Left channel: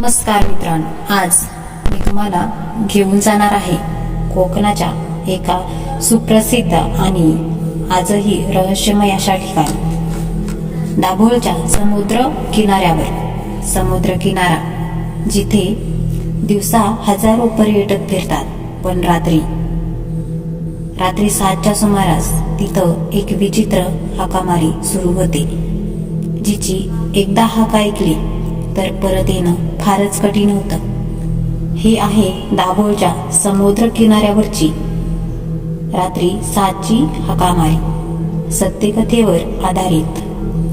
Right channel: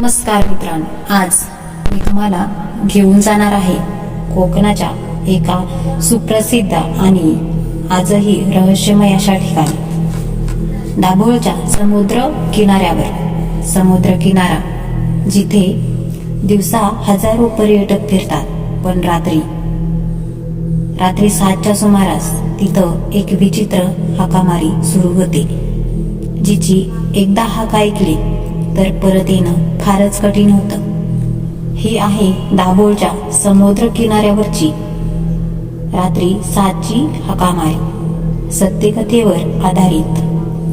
नमस्कार मित्रांनो. आज मी तुम्हाला घेऊन जाणार आहे कोकणाच्या एका सुप्रसिद्ध आणि आजही रहस्यमय अशा ठिकाणी. दाभोळच्या समुद्र किनाऱ्यावर. समुद्र किनारा जिथे दिवसा हजारो पर्यटक फिरतात. पण रात्री रात्री सातच्या सुमारास तिथं एक विचित्र हाकामारी सुरू होते जिची एकदा हाक ऐकली तर परत येणं फारच कठीण होतं. ही आहे दाभोळच्या समुद्र किनाऱ्यावरची रात्री सातची हकामारी. सत्यकथेवर आधारित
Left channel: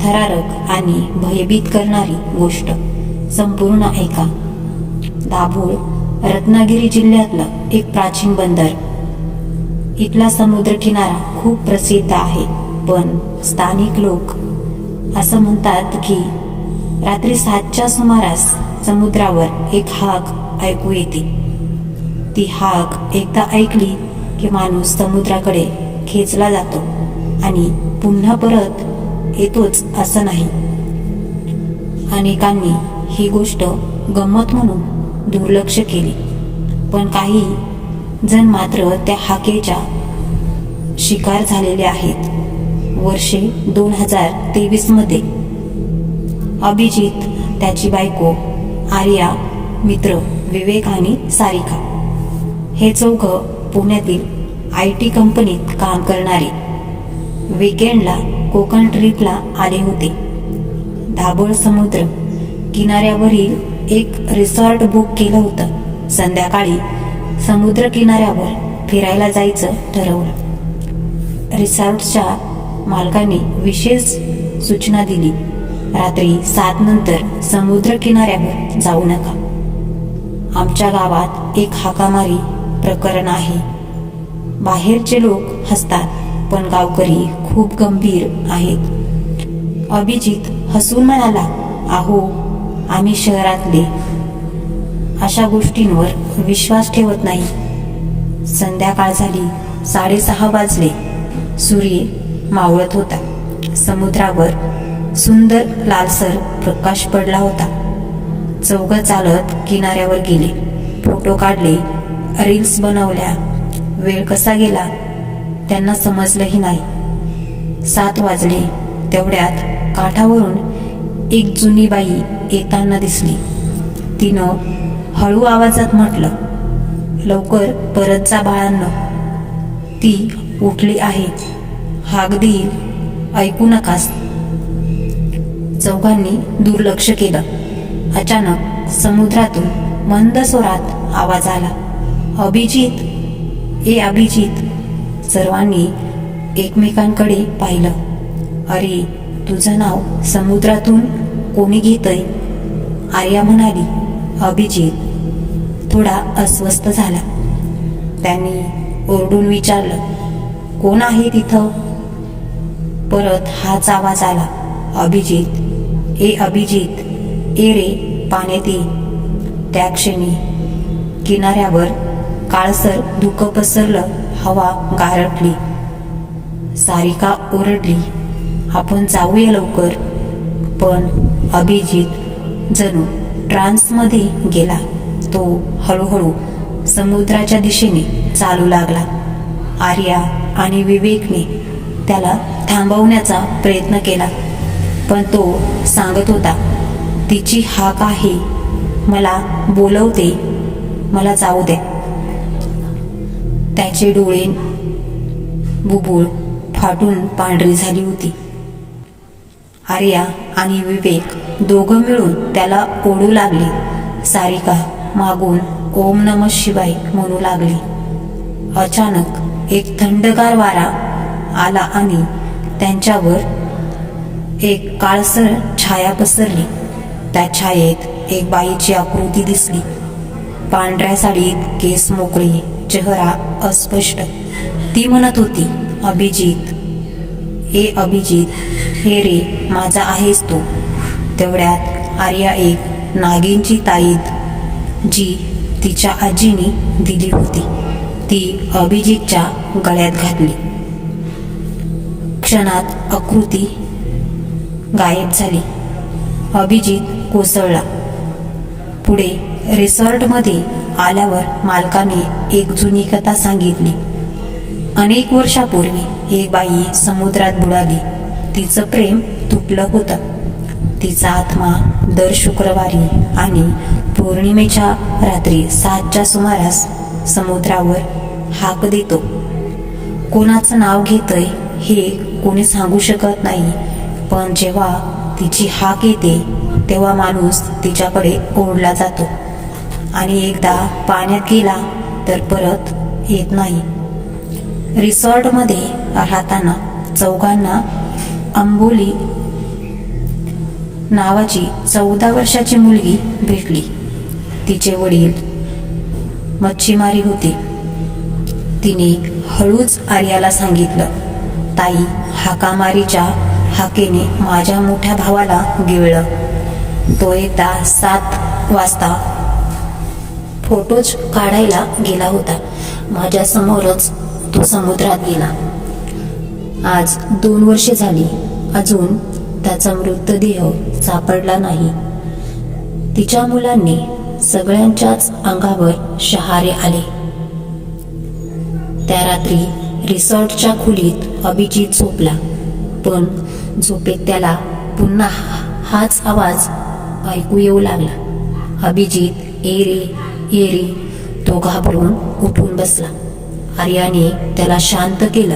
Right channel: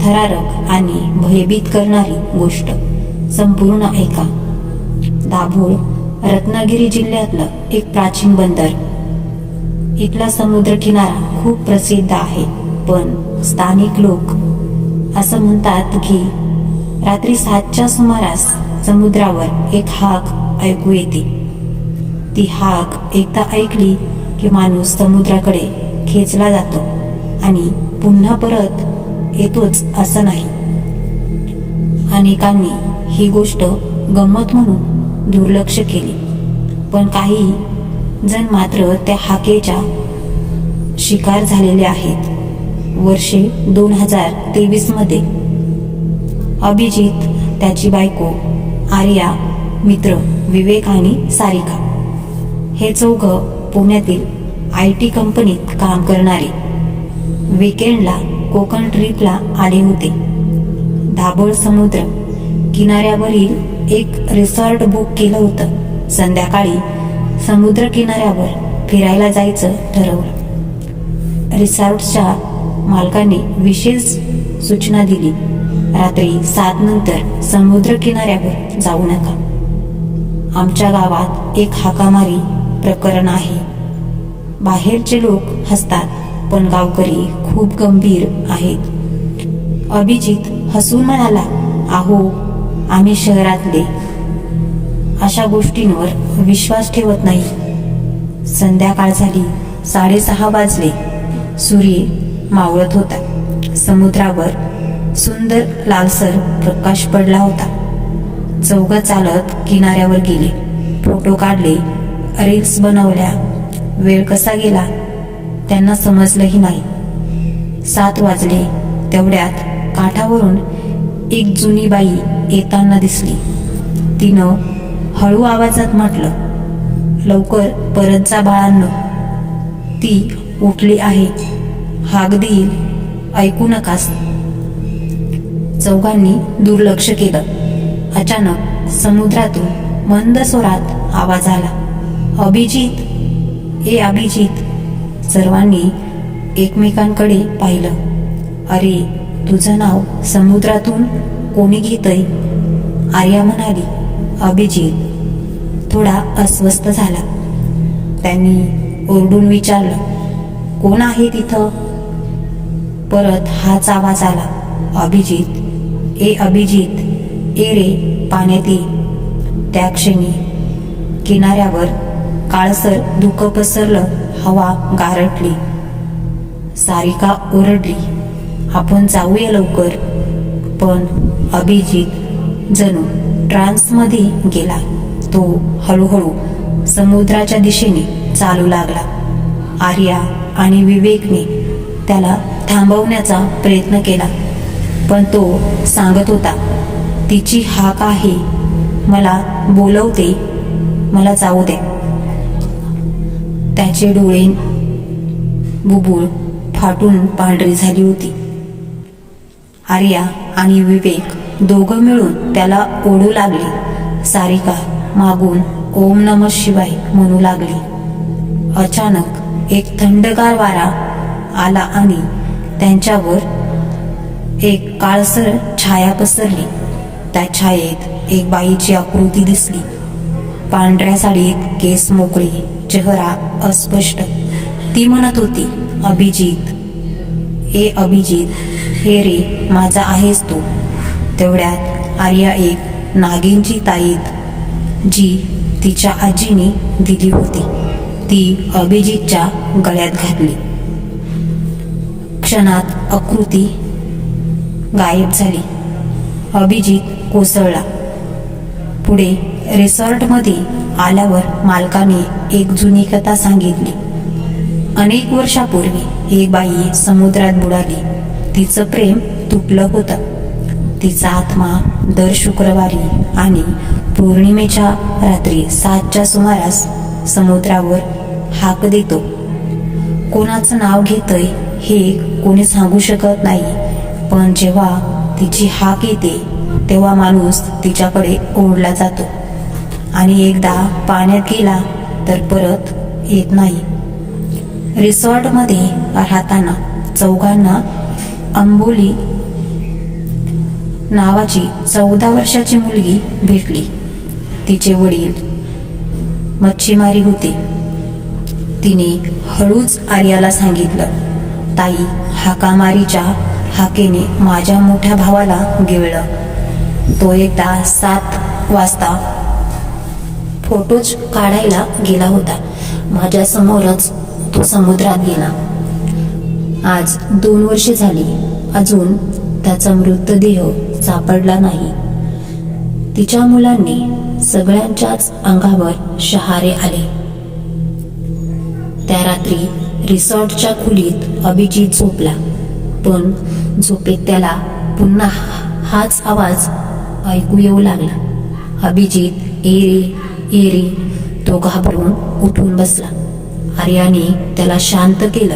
थरारक आणि भयभीत करणारी गोष्ट संपूर्ण ऐका. दाभोळ रत्नागिरी जिल्ह्यातलं एक प्राचीन बंदर. इथला समुद्र किनारा खूप प्रसिद्ध आहे पण स्थानिक लोक असं म्हणतात की रात्री सातच्या सुमारास समुद्रावर एक हाक ऐकू येते. ती हाक एकदा ऐकली की माणूस समुद्राकडे खेचला जातो आणि पुन्हा परत येतोच असं नाही. अनेकांनी ही गोष्ट गंमत म्हणून दुर्लक्ष केली. पण काही जण मात्र त्या हाकेच्या शिकार झालेले आहेत. वर्षे दोन हजार तेवीसमध्ये अभिजित त्याची बायको आर्या मित्र विवेक आणि सारिका. हे चौघं पुण्यातील आय टी कंपनीत काम करणारे. विकेंडला कोकण ट्रीपला आले होते. दाभोळ समुद्र किनाऱ्यावरील एक रिसॉर्ट बुक केलं होतं. संध्याकाळी समुद्र किनाऱ्यावर फिरायला जायचं ठरवलं. रिसॉर्टच्या मालकांनी विशेष सूचना दिली. रात्री सात नंतर समुद्र किनाऱ्यावर जाऊ नका. आमच्या गावात एक हाकामारी प्रकरण आहे. बाहेरचे लोक हसतात पण गावकरी खूप गंभीर आहेत. अभिजित हसून म्हणाला आहो आम्ही शहरातले. अशा गोष्टींवर विश्वास ठेवत नाही. संध्याकाळ झाली साडेसहा वाजले. सूर्य मावळत होता. समुद्रावर सुंदर लालसर प्रकाश पडला होता. चौघ चालत किनाऱ्यावर गेले. फोटो काढले रील्स बनवल्या. वेळ कसा गेला? त्यांना समजलंही नाही. सात वाजले. तेवढ्यात काठावरून एक जुनी बाई येताना दिसली. तिनं हळू आवाजात म्हटलं लवकर परत जा बाळांना. ती उठली आहे. हाक देईल. ऐकू नकास. चौघांनी दुर्लक्ष केलं. अचानक समुद्रातून मंद स्वरात आवाज आला. अभिजित ए अभिजित. सर्वांनी एकमेकांकडे पाहिलं. अरे तुझं नाव समुद्रातून कोणी घेतय? आर्या म्हणाली अभिजित. थोडा अस्वस्थ झाला. त्यांनी ओरडून विचारलं कोण आहे तिथं? परत हाच आवाज आला अभिजित. ए अभिजित ए रे पाण्याती त्या क्षणी किनाऱ्यावर काळसर धुकं पसरलं हवा गारटली सारिका ओरडली आपण जाऊया लवकर. पण अभिजित जणू ट्रान्समध्ये गेला. तो हळूहळू समुद्राच्या दिशेने चालू लागला. आर्या आणि विवेकने त्याला थांबवण्याचा प्रयत्न केला. पण तो सांगत होता तिची हाक आहे मला बोलवते मला जाऊ द्या त्याचे डोळे बुबुळ फाटून पांढरी झाली होती. आर्या आणि विवेक दोघं मिळून त्याला ओढू लागले. सारिका मागून ओम नम शिवाय म्हणू लागली. अचानक एक थंडगार वारा आला आणि त्यांच्यावर एक काळसर छाया पसरली. त्या छायेत एक बाईची आकृती दिसली. पांढऱ्या साडीत केस मोकळे चेहरा अस्पष्ट. ती म्हणत होती अभिजित ए अभिजित हे रे माझा आहेस तो. तेवढ्यात आर्या एक नागिनची ताईत जी तिच्या आजीने दिली होती ती अभिजितच्या गळ्यात घातली. क्षणात आकृती गायब झाली. अभिजित कोसळला. पुढे रिसॉर्टमध्ये आल्यावर मालकाने एक जुनी कथा सांगितली. अनेक वर्षापूर्वी एक बाई समुद्रात बुडाली. तिचं प्रेम तुटलं होतं. तिचा आत्मा दर शुक्रवारी आणि पौर्णिमेच्या रात्री सातच्या सुमारास समुद्रावर हाक देतो. कोणाचं नाव घेतय हे कोणी सांगू शकत नाही. पण जेव्हा तिची हाक येते तेव्हा माणूस तिच्याकडे ओढला जातो. आणि एकदा पाण्यात गेला तर परत येत नाही. रिसॉर्टमध्ये राहताना चौघांना अंबोली नावाची चौदा वर्षाची मुलगी भेटली. तिचे वडील मच्छीमारी होते. तिने हळूच आर्याला सांगितलं ताई हाकामारीच्या हाकेने माझ्या मोठ्या भावाला गिळलं. तो एकदा सात वाजता फोटोज काढायला गेला होता. माझ्या समोरच तो समुद्रात गेला. आज दोन वर्षे झाली. अजून त्याचा मृतदेह सापडला नाही. तिच्या मुलांनी सगळ्यांच्याच अंगावर शहारे आले. त्या रात्री रिसॉर्टच्या खोलीत अभिजित झोपला. पण झोपेत त्याला पुन्हा हाच आवाज ऐकू येऊ लागला. अभिजित ए रे ए रे तो घाबरून उठून बसला. आर्याने त्याला शांत केलं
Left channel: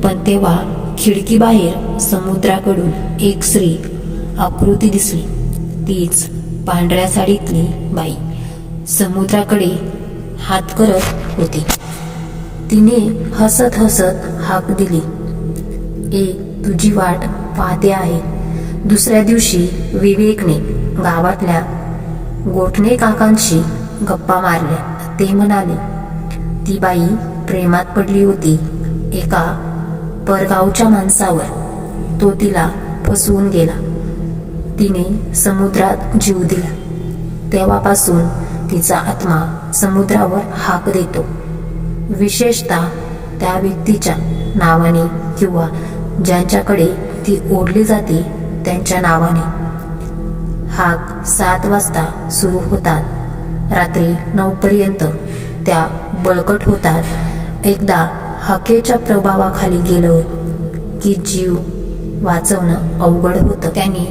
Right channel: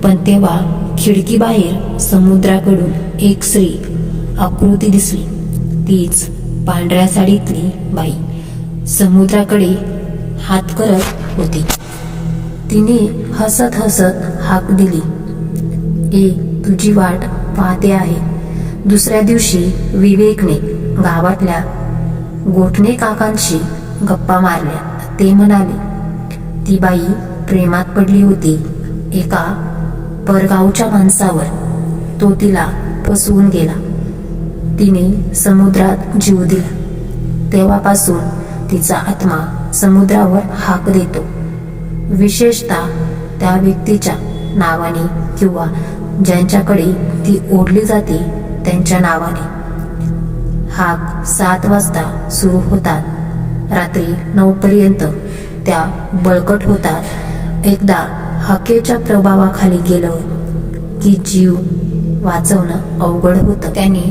पण तेव्हा खिडकीबाहेर समुद्राकडून एक स्त्री आकृती दिसली. तीच पांढऱ्या साडीतली बाई. समुद्राकडे हात करत होती. तिने हसत हसत हाक दिली. ए तुझी वाट पाहते आहे. दुसऱ्या दिवशी विवेकने गावातल्या गोठणे काकांशी गप्पा मारल्या. ते म्हणाले ती बाई प्रेमात पडली होती एका परगावच्या माणसावर. तो तिला फसवून गेला. तिने समुद्रात जीव दिला. तेव्हापासून तिचा आत्मा समुद्रावर हाक देतो. विशेषतः त्या व्यक्तीच्या नावाने किंवा ज्यांच्याकडे ती ओढली जाते त्यांच्या नावाने. हाक सात वाजता सुरू होतात. रात्री नऊपर्यंत त्या बळकट होतात. एकदा हाकेच्या प्रभावाखाली गेलं की जीव वाचवणं अवघड होतं. त्यांनी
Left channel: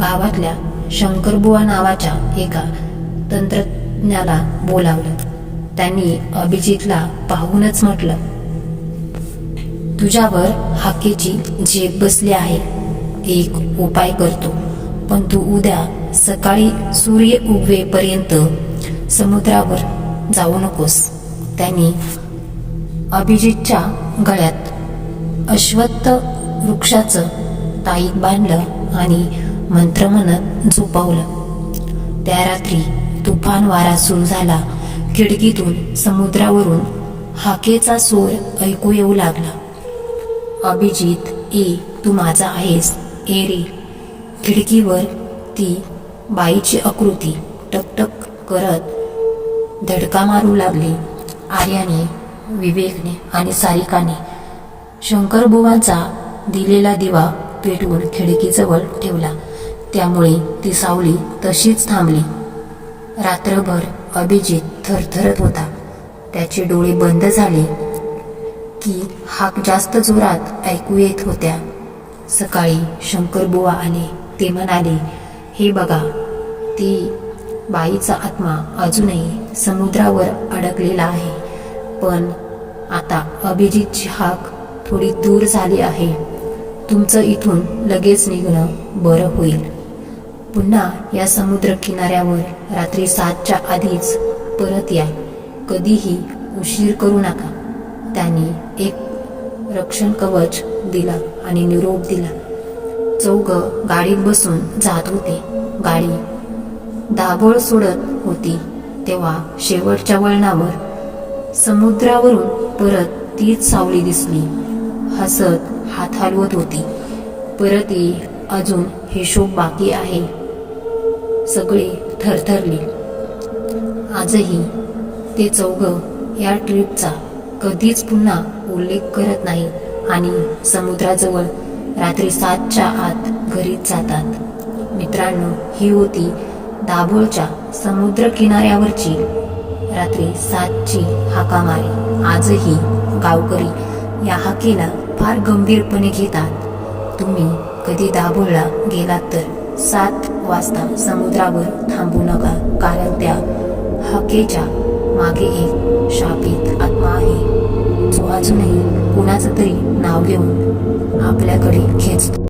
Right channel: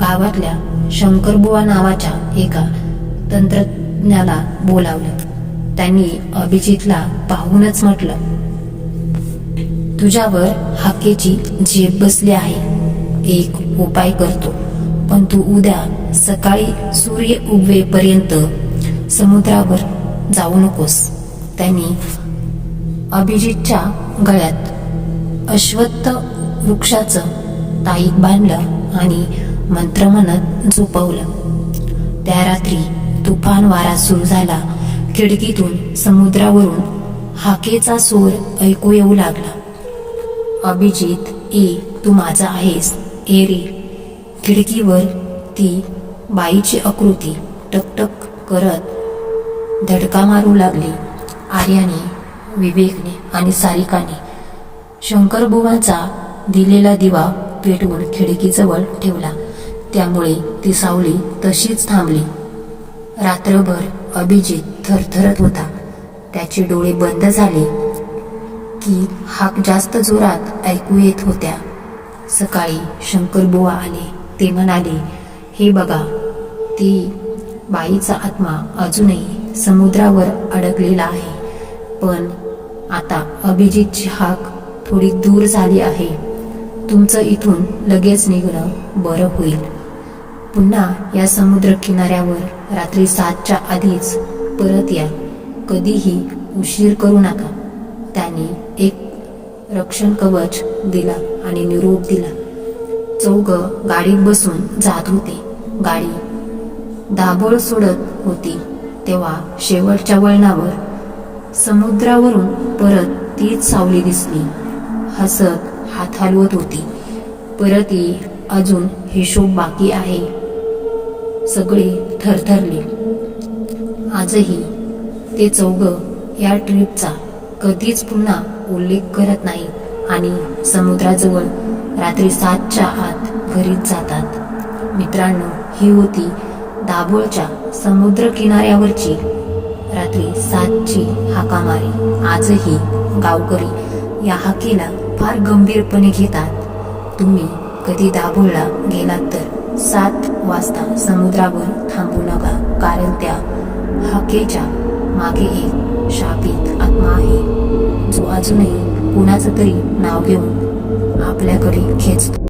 गावातल्या शंकरबुवा नावाच्या एका तंत्रज्ञाला बोलावलं. त्यांनी अभिजितला पाहूनच म्हटलं तुझ्यावर हाकेची झेप बसली आहे. एक उपाय करतो. पण तू उद्या सकाळी सूर्य उगवेपर्यंत समुद्रावर जाऊ नकोस. त्यांनी अभिजितच्या गळ्यात अश्वत्थ वृक्षाचं ताईत बांधलं आणि मंत्र म्हणत झोपवलं. त्या रात्री तुफान वारा सुरू झाला. खिडकीतून समुद्रावरून हाकेचा सूर ऐकू येऊ लागला. अभिजित ए तू माझा आहेस. ए रे. खिडकीवर ती बाईची आकृती टकटक करत धडका मारू लागली. आर्याने विवेकने आणि सारिकाने शंकरबुवांचा दिलेला दिवा पेटवून खिडकीजवळ ठेवला. त्यामुळे ती सावली तशीच थांबली. रात्रभर अभिजित थरथरत होता. त्याचे डोळे बंद झाले. की हाक जास्त जोरात ऐकू येत होत्या. सकाळी शंकरबुवा आले ते म्हणाले हे बघा ती बाईचा आत्मा अजूनही समुद्रावर अडकलेला आहे. पण आता अभिजितची हाक थोडी दूर झाली आहे. तुमचं इथून लगेच निघणं बरं होईल. पुन्हा या समुद्र किनाऱ्यावर रात्री सातच्या आधीच परत या. कधीही उशीर करू नका. त्यांनी एक रक्षण कवच दिला आणि निरोप दिला. चौघ गाडीत बसून जात होते. गाडी दाभोळ सोडत होती. तेव्हा शेवटच्या वळणावर समुद्रावरून परत तीच सावली दिसली. हसत हात हलवत होती. परत ये अजून हिशोब बाकी आहे. सगळे थरथरले. आजही ते चौघ या ट्रिपचा कधीच पुन्हा उल्लेख करत नाही आणि समुद्राजवळ रात्री सातच्या आत घरीच जातात. मित्रांनो ही होती दाभोळच्या समुद्र किनाऱ्यावरची रात्री सातची हाकामारी. आजही गावकरी या हाकेला फार गंभीरपणे घेतात. तुम्ही कधी दाभोळला गेलात तर सात वाजता समुद्रावर थांबू नका कारण त्या हाकेच्या मागे एक शापित आत्मा आहे. जो अजूनही कुणाचं तरी नाव घेऊन आपल्याकडे खेचतो.